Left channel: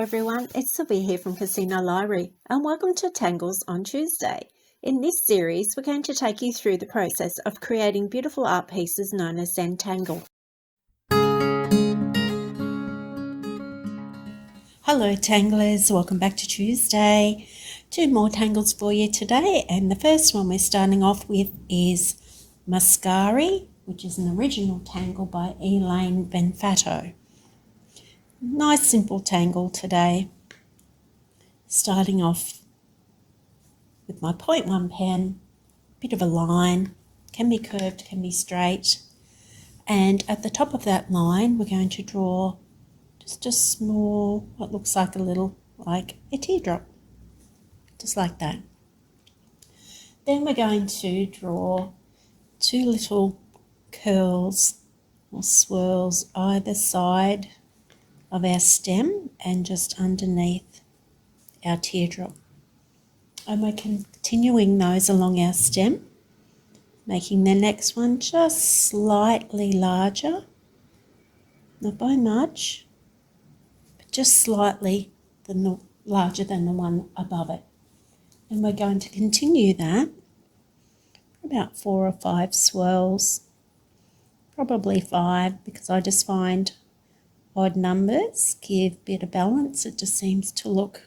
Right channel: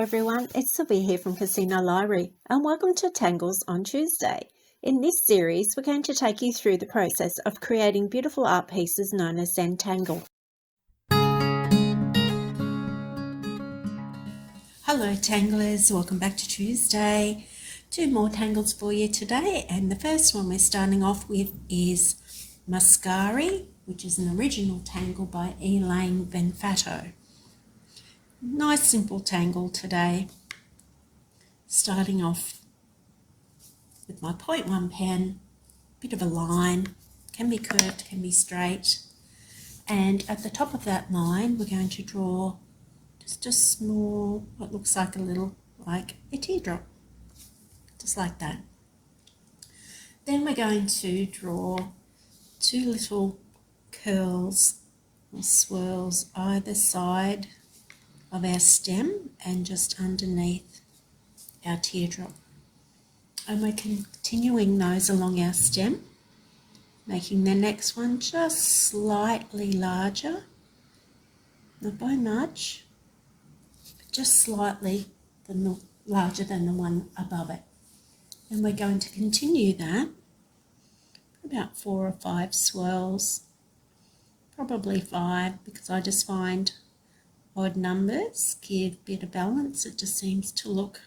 Hello everyone, it's Sylvia here from Casino Library and welcome to Tangles on Tuesday. In this series, we're going to take you through the process of creating beautiful art pieces known as Zentangle. Hello Tanglers, welcome back to Tuesday. 2 more tangles for you today, and the first one we're starting off with is Mascari, which is an original tangle by Elaine Venfato. Nice simple tangle today. Starting off with my 0.1 pen, bit of a line, can be curved, can be straight. And at the top of that line, we're going to draw just a small, what looks like a teardrop, just like that. Then we're going to draw 2 little curls or swirls either side of our stem and just underneath our teardrop. And we're continuing those along our stem, making the next one just slightly larger, not by much, but just slightly larger than the one above it. And we're going to continue that for about 4 or 5 swirls, probably 5, because I just find odd numbers give a bit of balance. It just seems to look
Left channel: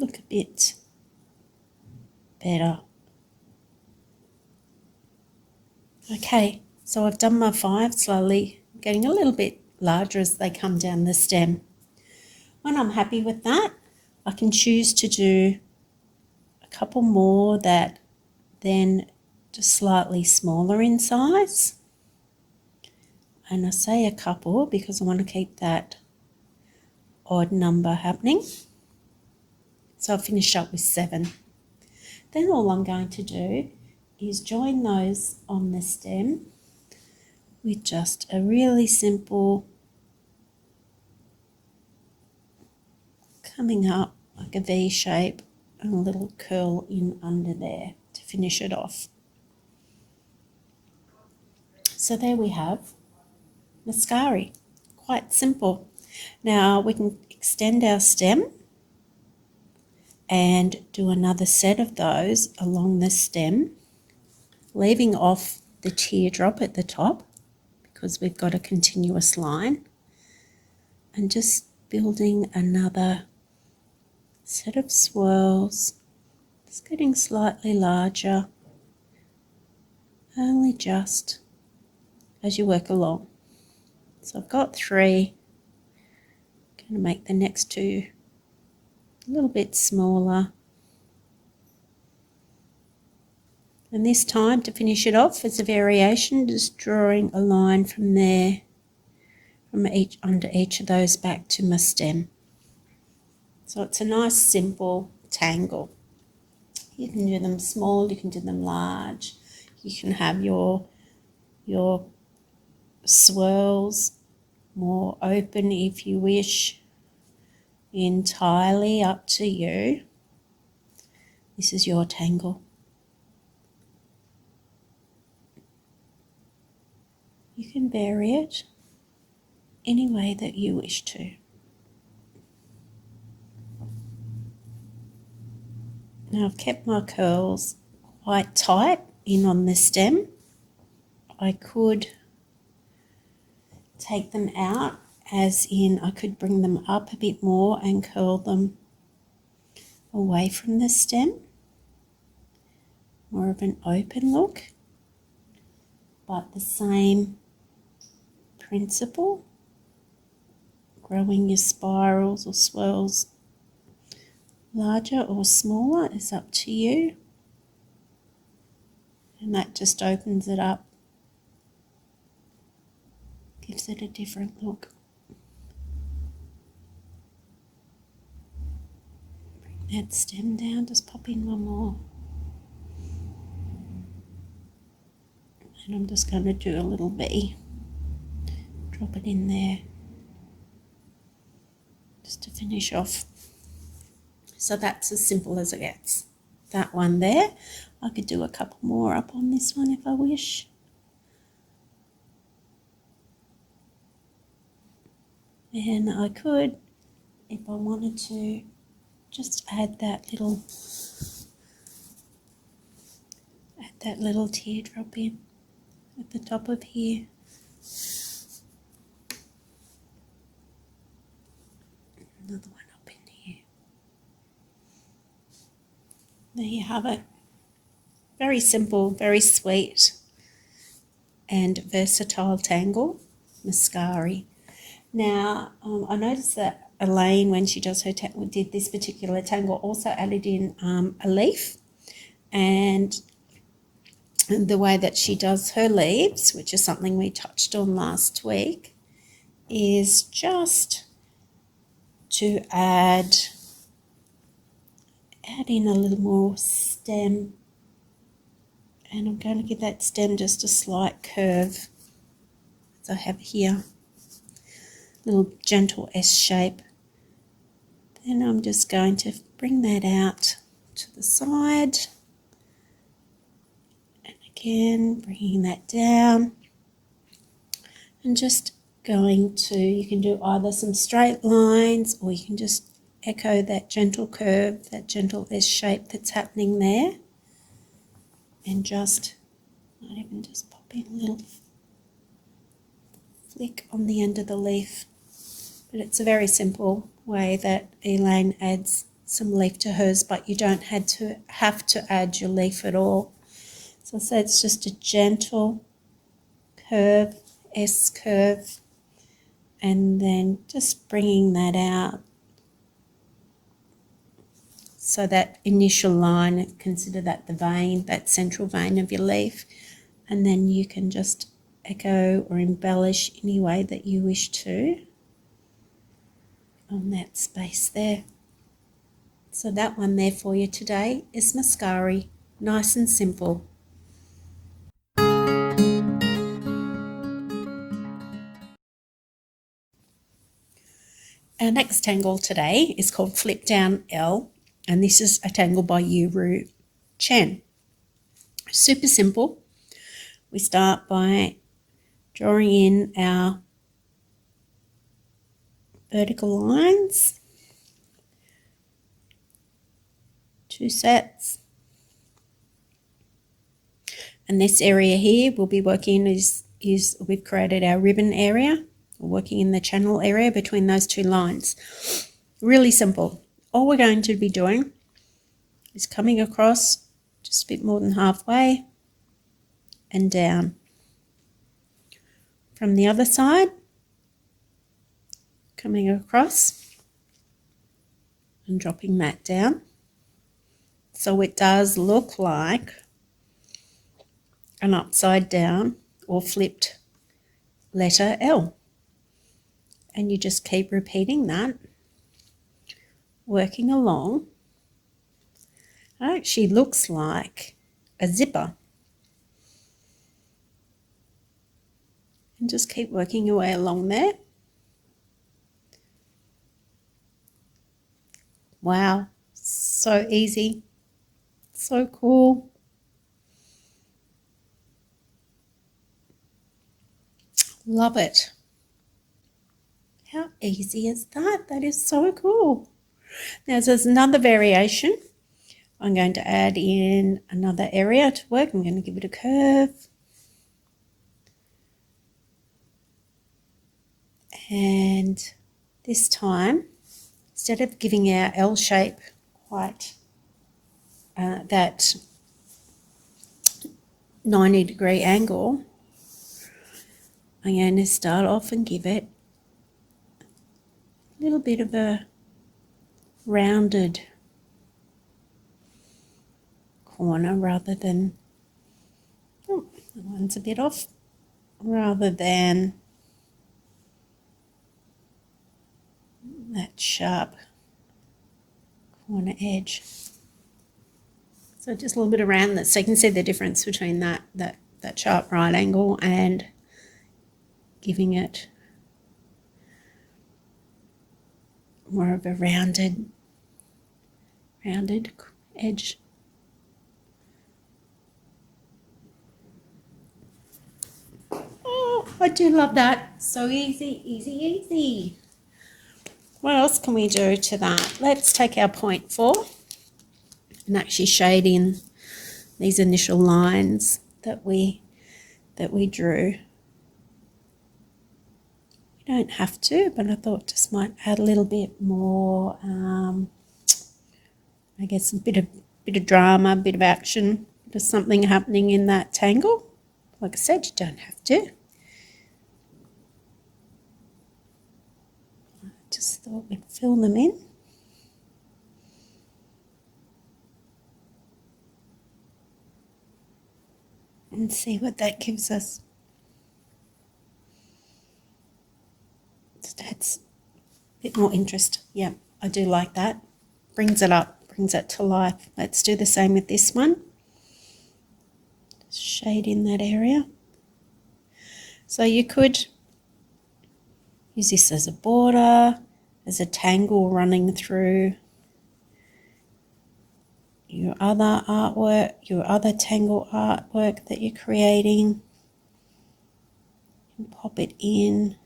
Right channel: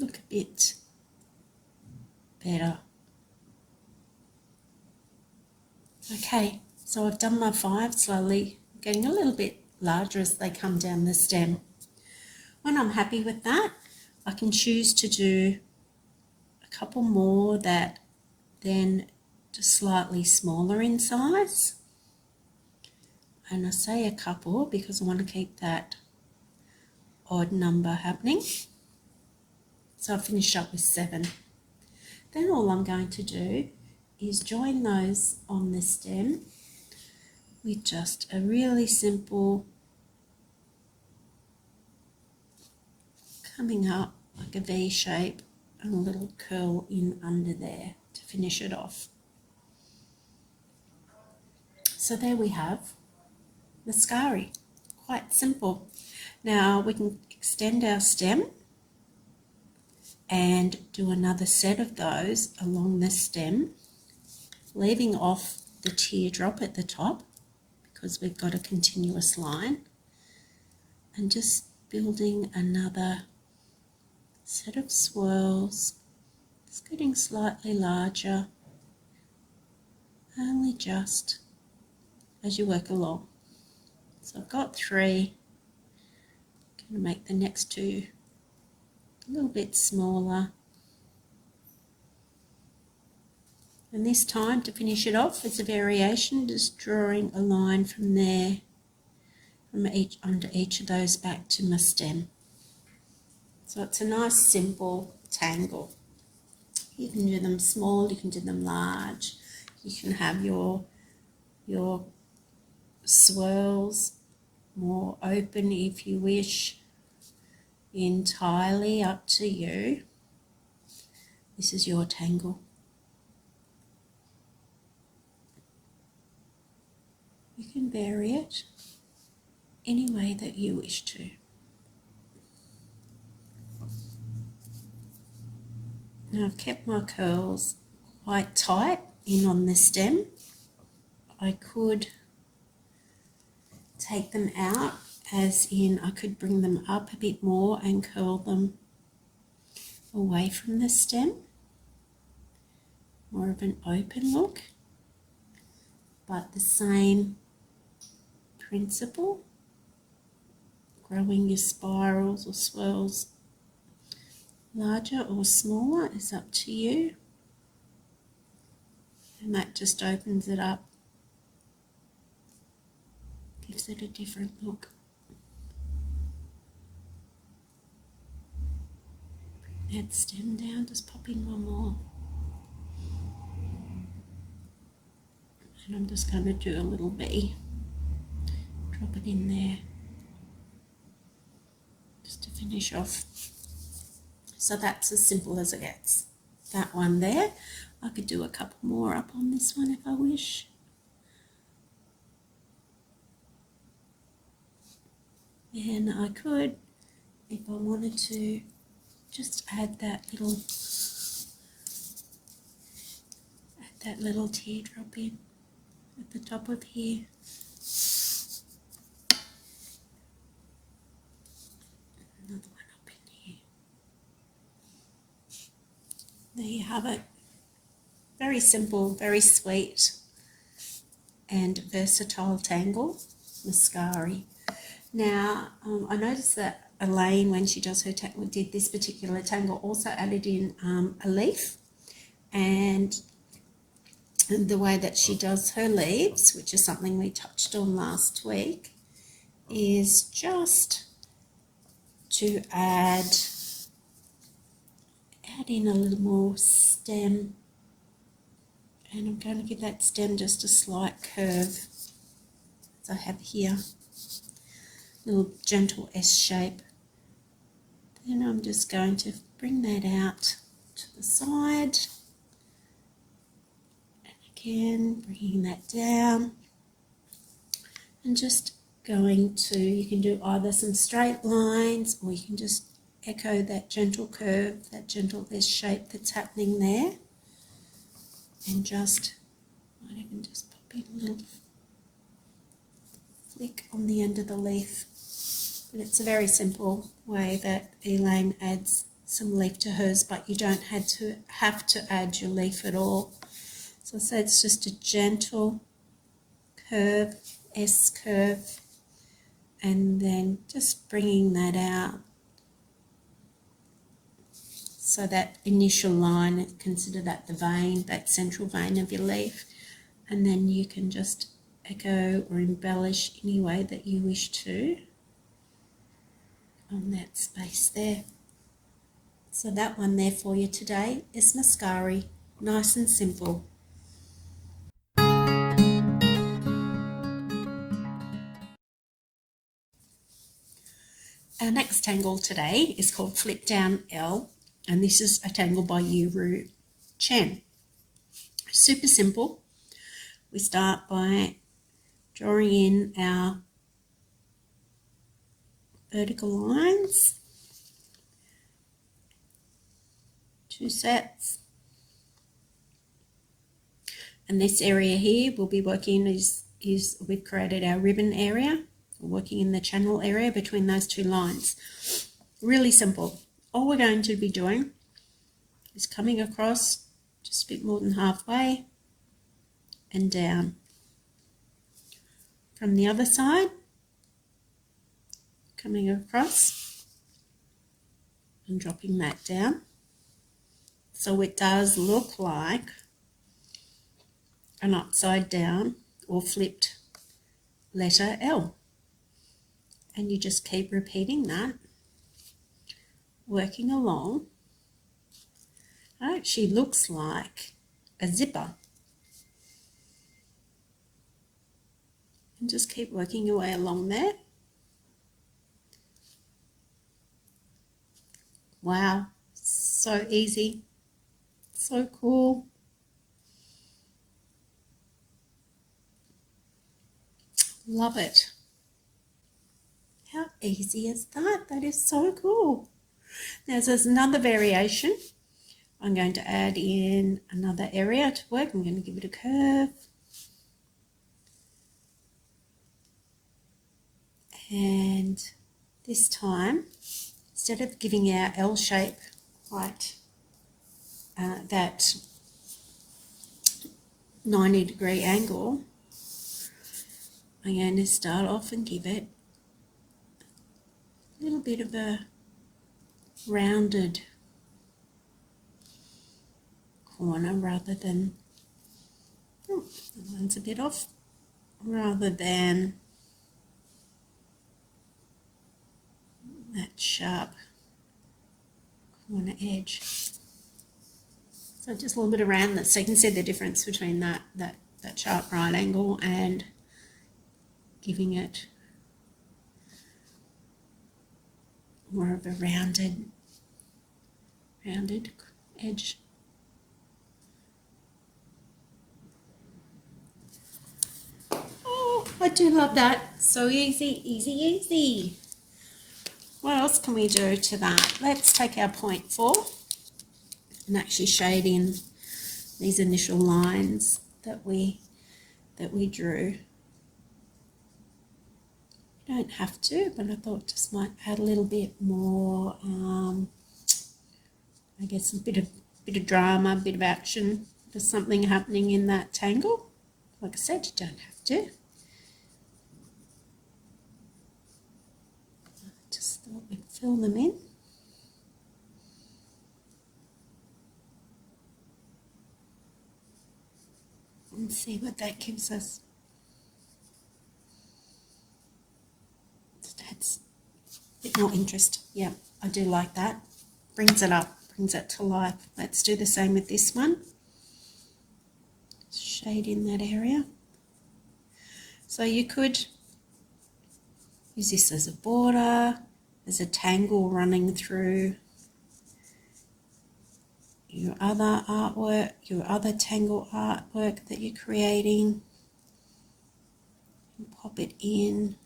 a bit better. Okay, so I've done my 5, slowly getting a little bit larger as they come down the stem. When I'm happy with that, I can choose to do a couple more that then just slightly smaller in size. And I say a couple because I want to keep that odd number happening. So I'll finish up with 7. Then all I'm going to do is join those on the stem with just a really simple coming up like a V shape and a little curl in under there to finish it off. So there we have Mascari, quite simple. Now we can extend our stem and do another set of those along the stem, leaving off the teardrop at the top because we've got a continuous line, and just building another set of swirls. It's getting slightly larger, only just as you work along. So I've got 3. I'm going to make the next 2 a little bit smaller. And this time, to finish it off as a variation, just drawing a line from there, under each of those back to my stem. So it's a nice simple tangle. You can do them small, you can do them large. You can have your swirls more open if you wish, entirely up to you. This is your tangle. You can vary it any way that you wish to. Now I've kept my curls quite tight in on the stem. I could take them out, as in I could bring them up a bit more and curl them away from the stem. More of an open look, but the same principle. Growing your spirals or swirls larger or smaller is up to you, and that just opens it up, gives it a different look. Bring that stem down, just pop in one more, and I'm just going to do a little V, drop it in there just to finish off. So that's as simple as it gets. That one there. I could do a couple more up on this one if I wish. And I could, if I wanted to, just add that little teardrop in at the top of here. Another one up in here. There you have it. Very simple, very sweet and versatile tangle, Mascari. Now, I noticed that Elaine, when she does her did this particular tangle, also added in a leaf, and the way that she does her leaves, which is something we touched on last week, is just to add in a little more stem, and I'm going to give that stem just a slight curve, as I have here, little gentle S shape. Then I'm just going to bring that out to the side, and again bringing that down, and just going to, you can do either some straight lines, or you can just echo that gentle curve, that gentle S shape that's happening there, and just, might even just pop in a little flick on the end of the leaf. But it's a very simple way that Elaine adds some leaf to hers, but you don't have to add your leaf at all. So it's just a gentle curve, S curve, and then just bringing that out. So that initial line, consider that the vein, that central vein of your leaf, and then you can just echo or embellish any way that you wish to on that space there. So that one there for you today is Mascari, nice and simple. Our next tangle today is called Flipdown-L, and this is a tangle by Yuru Chen. Super simple. We start by drawing in our vertical lines, 2 sets, and this area here we'll be working is we've created our ribbon area. We're working in the channel area between those 2 lines. Really simple. All we're going to be doing is coming across just a bit more than halfway and down. From the other side, coming across and dropping that down. So it does look like an upside down or flipped letter L. And you just keep repeating that, working along. It actually looks like a zipper. And just keep working your way along there. Wow, so easy, so cool. Love it. How easy is that? That is so cool. Now there's another variation. I'm going to add in another area to work. I'm going to give it a curve. And this time, instead of giving our L shape quite that 90-degree angle, I'm going to start off and give it a little bit of a rounded corner rather than, that one's a bit off, rather than that sharp corner edge. So just a little bit around that, so you can see the difference between that sharp right angle and giving it more of a rounded edge. Oh, I do love that. So easy, easy, easy. What else can we do to that? Let's take our 0.4 and actually shade in these initial lines that we drew. You don't have to, but I thought just might add a little bit more, I guess a bit of drama, a bit of action, there's something happening in that tangle. Like I said, you don't have to. Just thought we'd fill them in. And see what that gives us. Just adds a bit more interest. Yeah, I do like that. Brings it up, brings it to life. Let's do the same with this one. Just shade in that area. So you could use this as a border, as a tangle running through your other artwork, your other tangle artwork that you're creating. And pop it in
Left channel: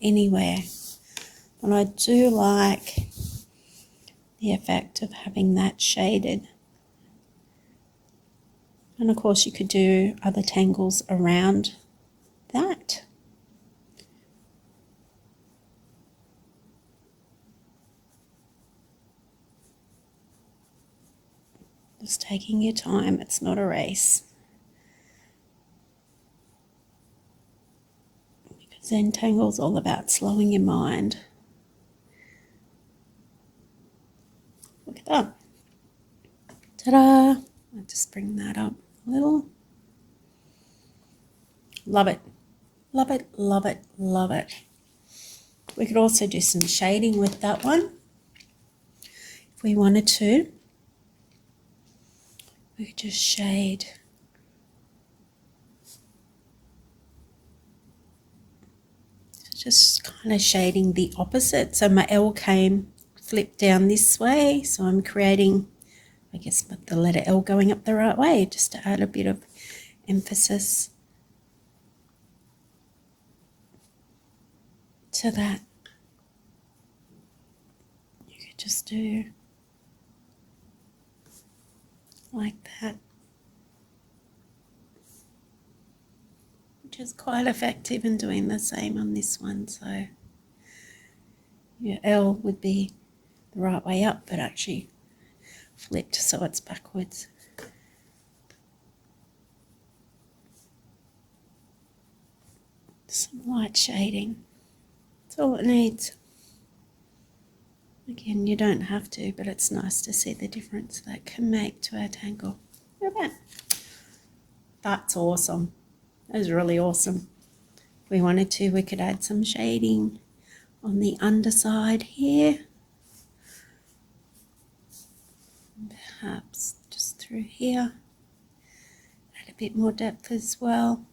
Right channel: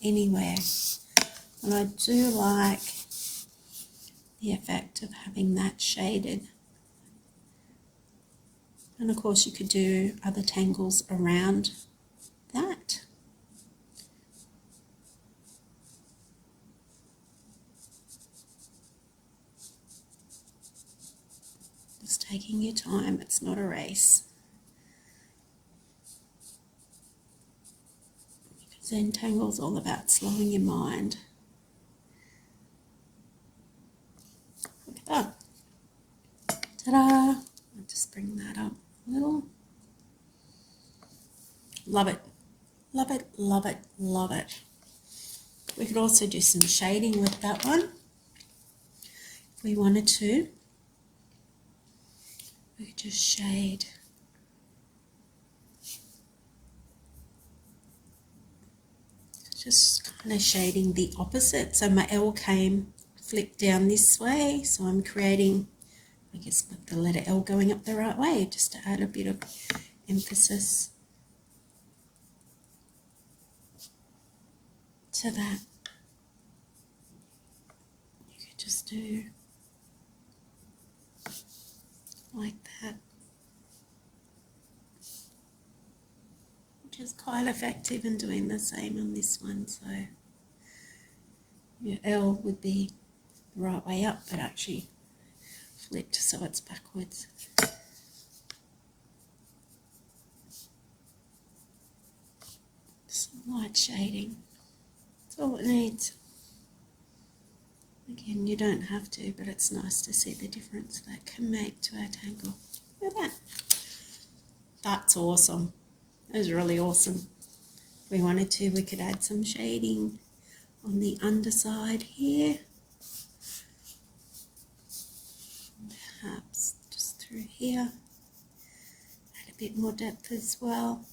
anywhere. And I do like the effect of having that shaded. And of course you could do other tangles around that. Just taking your time, it's not a race. Because then tangle's all about slowing your mind. Look at that. Ta-da! I'll just bring that up a little. Love it. Love it, love it, love it. We could also do some shading with that one if we wanted to. We could just shade just kind of shading the opposite. So my L came flipped down this way, so I'm creating, I guess, with the letter L going up the right way, just to add a bit of emphasis to that. You could just do like that, which is quite effective in doing the same on this one. So your L would be the right way up, but actually flipped so it's backwards. Some light shading, that's all it needs. Again, you don't have to, but it's nice to see the difference that can make to our tangle. Look at that. That's awesome. That was really awesome. If we wanted to, we could add some shading on the underside here. Perhaps just through here. Add a bit more depth as well.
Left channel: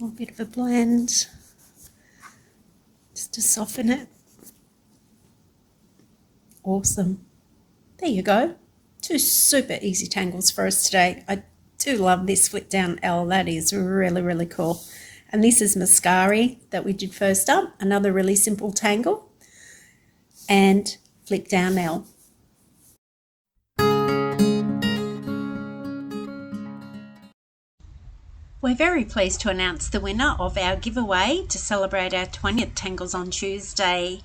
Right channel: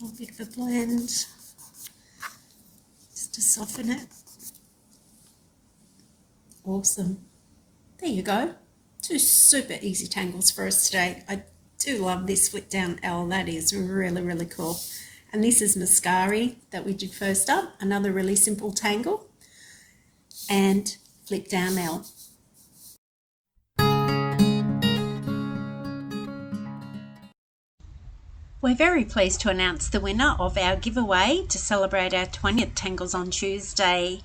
A little bit of a blend just to soften it. Awesome. There you go. 2 super easy tangles for us today. I do love this Flipdown-L. That is really, really cool. And this is Mascari that we did first up. Another really simple tangle. And Flipdown-L. We're very pleased to announce the winner of our giveaway to celebrate our 20th Tangles on Tuesday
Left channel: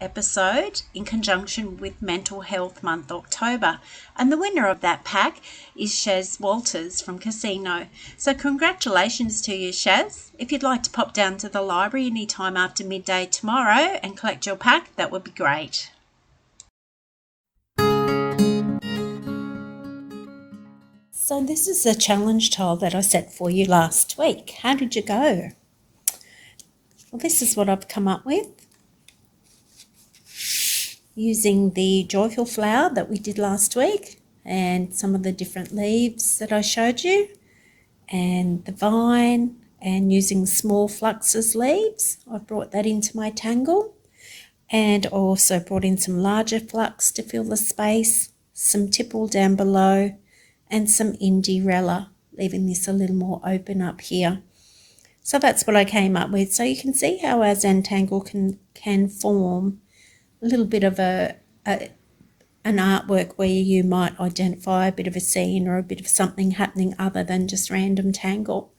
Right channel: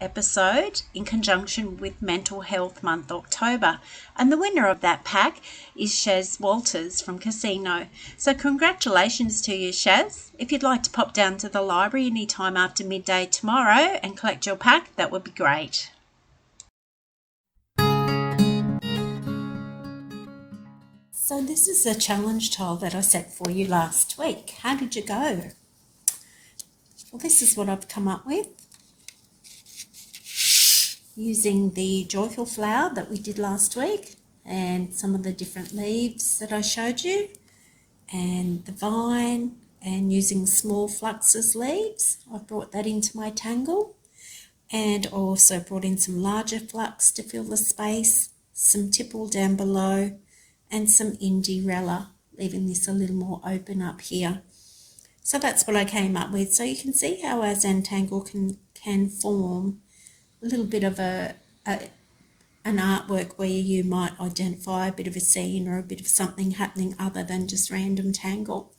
episode in conjunction with Mental Health Month October. And the winner of that pack is Shaz Walters from Casino. So congratulations to you, Shaz. If you'd like to pop down to the library anytime after midday tomorrow and collect your pack, that would be great. So this is a challenge tile that I set for you last week. How did you go? Well, this is what I've come up with. Using the joyful flower that we did last week and some of the different leaves that I showed you and the vine and using small fluxus leaves. I've brought that into my tangle and also brought in some larger flux to fill the space, some tipple down below and some Indirella, leaving this a little more open up here. So that's what I came up with. So you can see how our Zentangle can form a little bit of an artwork where you might identify a bit of a scene or a bit of something happening other than just random tangle.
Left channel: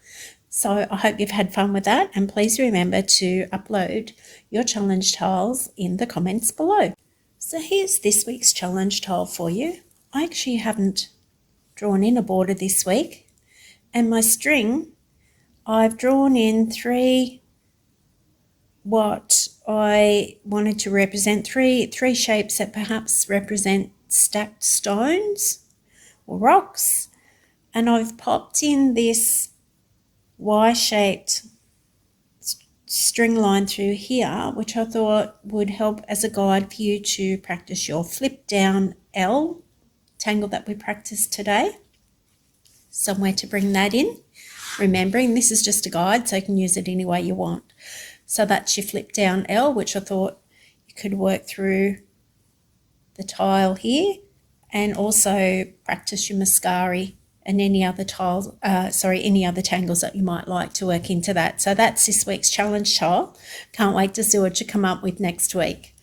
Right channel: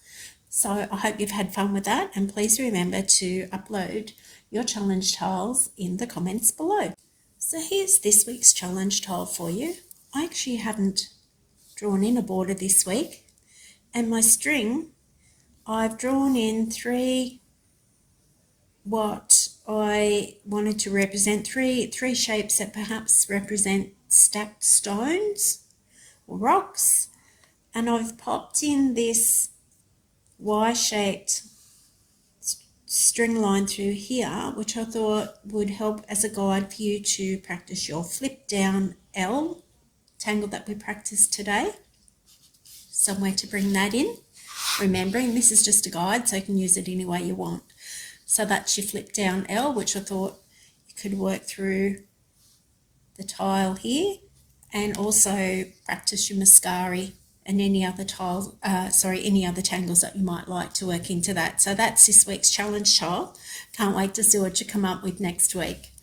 So I hope you've had fun with that, and please remember to upload your challenge tiles in the comments below. So here's this week's challenge tile for you. I actually haven't drawn in a border this week, and my string, I've drawn in what I wanted to represent, three shapes that perhaps represent stacked stones or rocks, and I've popped in this Y-shaped string line through here, which I thought would help as a guide for you to practice your Flipdown-L tangle that we practiced today. Somewhere to bring that in, remembering this is just a guide, so you can use it any way you want. So that's your Flipdown-L, which I thought you could work through the tile here, and also practice your Mascari and any other any other tangles that you might like to work into that. So that's this week's challenge tile. Can't wait to see what you come up with next week.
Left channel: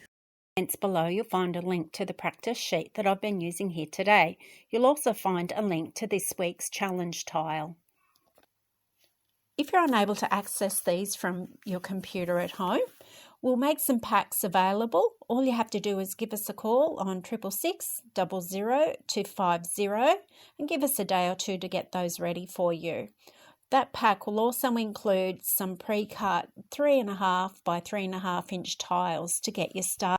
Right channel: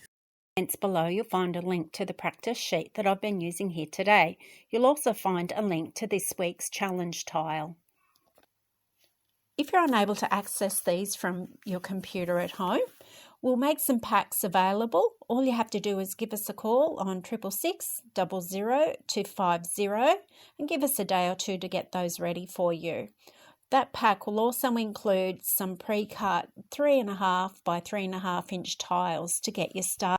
Below you'll find a link to the practice sheet that I've been using here today. You'll also find a link to this week's challenge tile. If you're unable to access these from your computer at home, we'll make some packs available. All you have to do is give us a call on 666 00 250 and give us a day or two to get those ready for you. That pack will also include some pre-cut 3.5 by 3.5 inch tiles to get you started.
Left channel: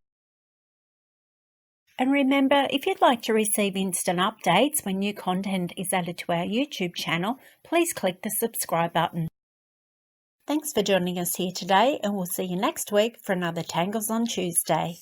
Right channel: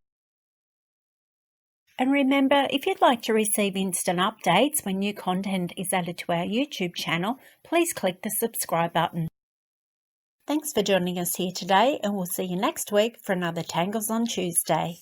And remember, if you'd like to receive instant updates when new content is added to our YouTube channel, please click the subscribe button. Thanks for joining us here today, and we'll see you next week for another Tangles on Tuesday.